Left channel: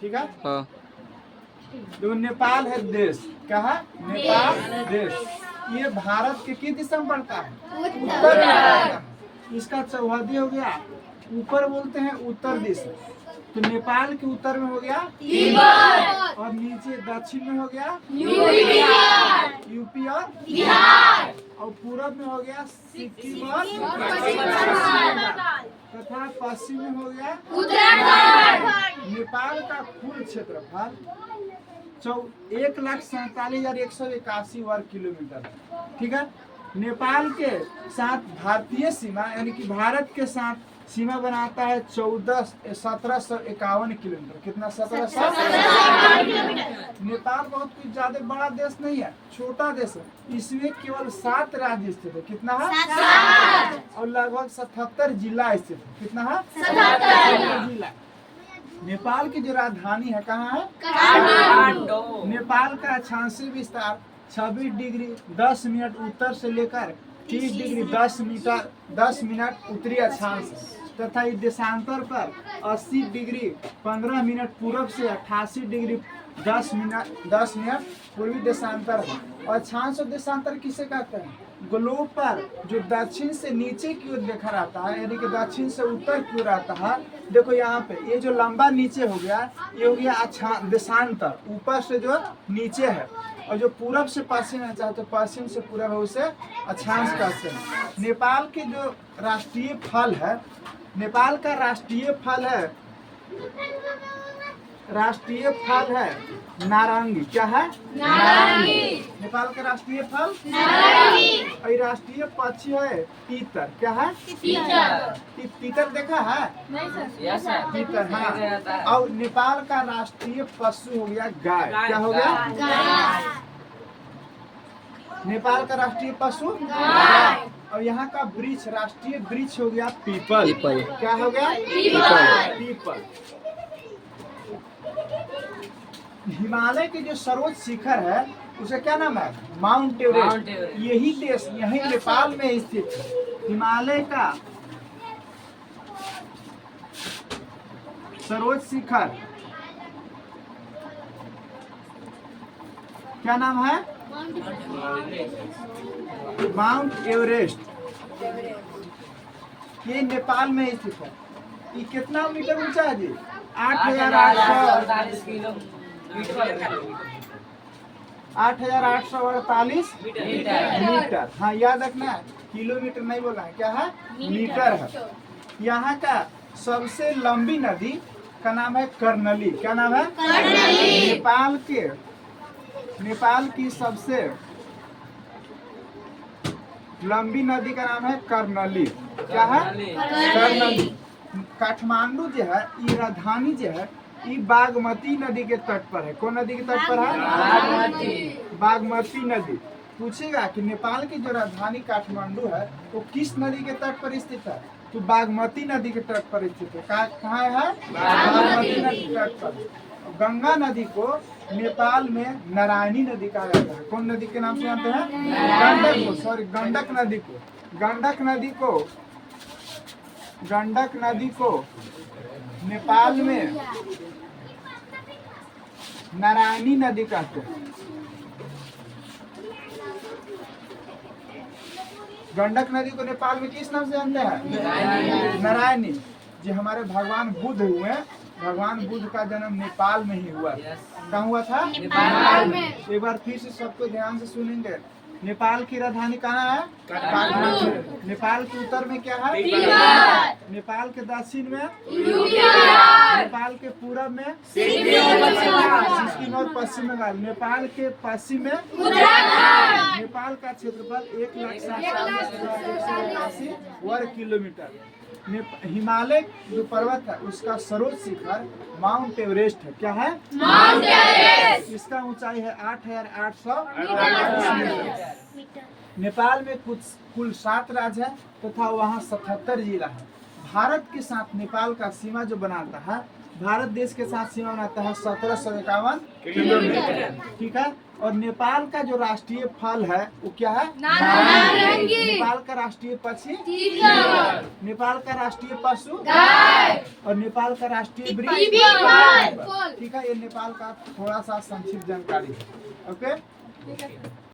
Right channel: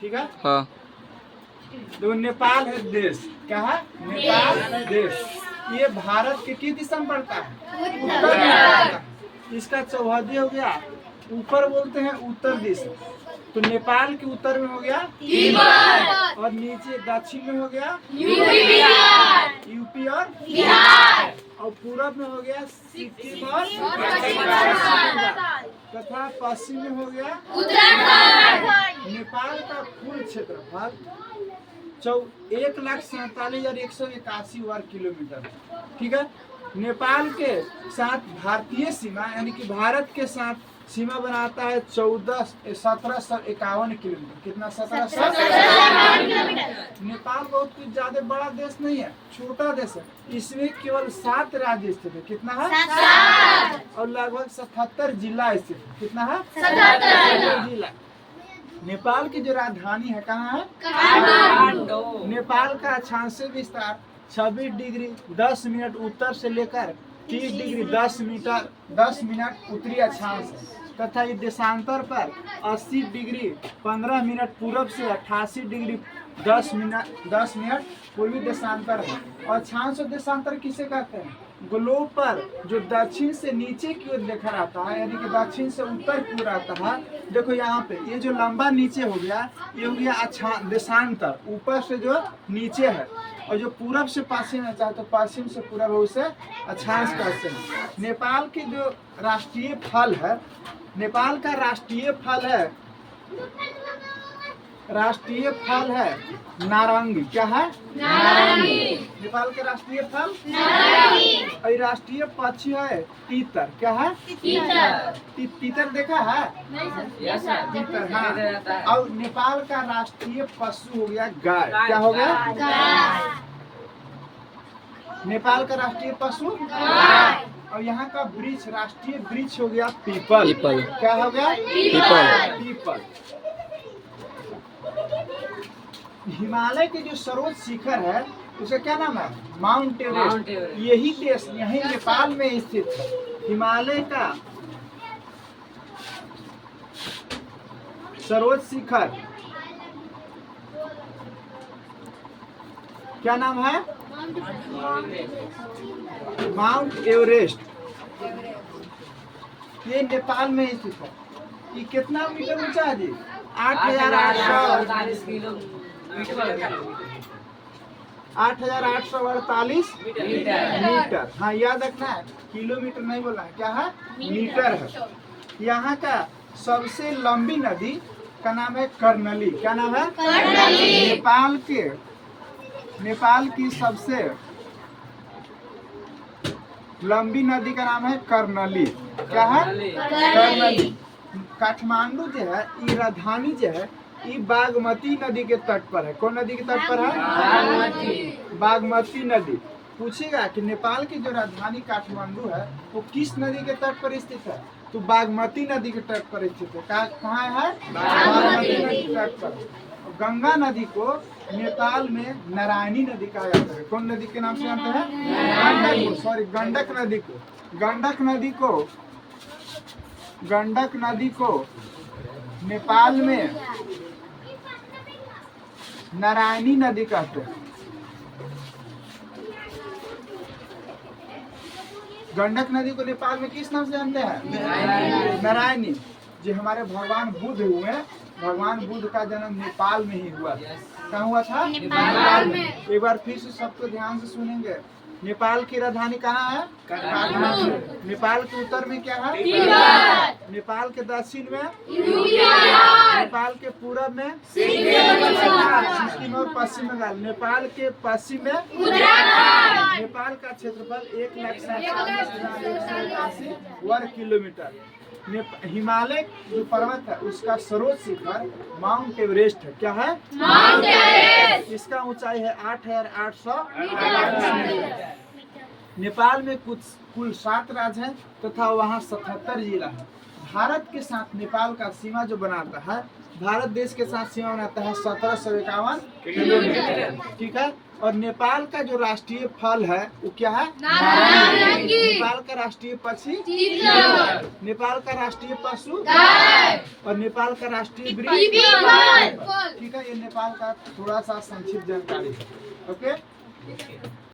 ठीक है। हाँ। तो नेपाल है देश, क्या है? नेपाल देश। ये भारत के किस दिशा में पड़ता है? उत्तर में पड़ता है। इसका चौहदी हो गया, ऊपर बोलते हैं उत्तर दिशा। तो नेपाल के उत्तर में हो गया तिब्बत, और नीचे दक्षिण में हो गया यूपी और बिहार, और पूरब में हो गया सिक्किम और तथा पश्चिम में हो गया उत्तराखंड। नेपाल का कुल क्षेत्रफल 1,47,181 वर्ग किलोमीटर है, ठीक है। नेपाल के साथ भारतीय सीमा यानी कि भारत के साथ सीमा बनाता है 1751 किलोमीटर। कितना? 1751 किलोमीटर। नेपाल बहुत ही ज्यादा बड़ा देश नहीं है, छोटा देश है। इसमें केवल 7 राज्य स्थित है। कितना है? 7। और लगभग 77 जिला स्थित है। कितना है? 77 जिला। नेपाल की जो राजधानी है कहाँ है? काठमांडू। नेपाल का अक्षांशीय विस्तार 26 डिग्री 10 मिनट उत्तर से लेकर 30 डिग्री 10 मिनट उत्तरी अक्षांश है, तथा इस देशांतर पर 80 डिग्री 15 मिनट पूर्व से 88 डिग्री 10 मिनट पूर्वी देशांतर है। और अक्षांश और देशांतर किसे कहते हैं? ग्लोब पर जो दक्षिण से नीचे की ओर देखा रहता है, यानी कि दक्षिण से उत्तर की ओर आता है। देखो यहाँ पे ये जो लंबा नीचे हो गया, ये हो गया देशांतर, ऊपर से जो नीचे है। और जो पूरब से पश्चिम है, चाहे तो पश्चिम से पूरब है, उसे अक्षांश कहते हैं। नेपाल के जो राष्ट्रीय फल है, नेपाल का राष्ट्रीय फल है नारंगी। क्या है? नारंगी। नेपाल के राष्ट्रीय फल नारंगी। और राष्ट्रीय पक्षी है तीतर। क्या है? तीतर देखा है? नहीं सर। तीतर, हाँ। और नेपाल का राष्ट्रीय पशु हो गया गाय। क्या हो गया? गाय। नेपाल का राष्ट्रीय पशु गाय। और यहाँ का वृक्ष, राष्ट्रीय वृक्ष हो गया पीपल। क्या हो गया? पीपल। हिमालय के जो सर्वोच्च शिखर है उसे क्या नाम है? Mount Everest. यही देश, यही नेपाल में स्थित है। हिमालय का सर्वोच्च शिखर क्या नाम है? Mount Everest. ये नेपाल में स्थित है। ये कितना मीटर ऊंचा है जी? 8,848 मीटर। हाँ, याद रखना है, किलोमीटर नहीं बोलना है। क्या है? मीटर है। यहाँ का सबसे लंबी नदी का नाम है कर्णाली। क्या नाम है? कर्णाली। नेपाल की सबसे लंबी नदी का नाम है कर्णाली। क्या है? कर्णाली। काठमांडू जो है, ये राजधानी जो है, ये बागमती नदी के तट पर है। कौन नदी के तट पर है? बागमती नदी। पूछेगा कि नेपाल की जो राजधानी काठमांडू है वो किस नदी के तट पर स्थित है, तो बागमती नदी के तट पर स्थित है। कहाँ है? बागमती नदी के तट पर। गंगा नदी को नेपाल में नारायणी नदी कहा जाता है। कौन नदी के नाम से जानते हैं? गंडक नदी को नेपाल में नारायणी नदी कहते हैं। गंडक नदी को नेपाल में किस नाम से जानते हैं? नारायणी। जो हमारे भगवान बुद्ध हुए, भगवान बुद्ध का जन्म नेपाल में ही हुआ। कहाँ हुआ था? नेपाल में। एक बार फिर से सबको ध्यान से सुनेंगे। नेपाल की राजधानी कहाँ है? काठमांडू। नेपाल के उत्तर में क्या है? नेपाल के दक्षिण में नेपाल के पूरब में सिक्किम और पश्चिम बंगाल। नेपाल के पश्चिम में नेपाल का क्षेत्रफल 1,47,181 वर्ग किलोमीटर। हिमालय जो पर्वत है उसका सर्वोच्च शिखर माउंट एवरेस्ट है। क्या है? Mount Everest. इसका ऊंचाई है 8,848 मीटर। नेपाल में कुल 7 राज्य है तथा वहाँ 77 जिला है। भारत के साथ नेपाल का सीमा जो बनाता है, भारत देश के साथ सीमा बनाता है 1751 किलोमीटर। ठीक है। और नेपाल का जो राष्ट्रीय फल है वो क्या है? नारंगी। नेपाल का राष्ट्रीय पक्षी नेपाल का राष्ट्रीय पशु गाय। और नेपाल का राष्ट्रीय वृक्ष। ठीक है, ये नेपाल का थोड़ा सा संक्षिप्त जानकारी है। ओके।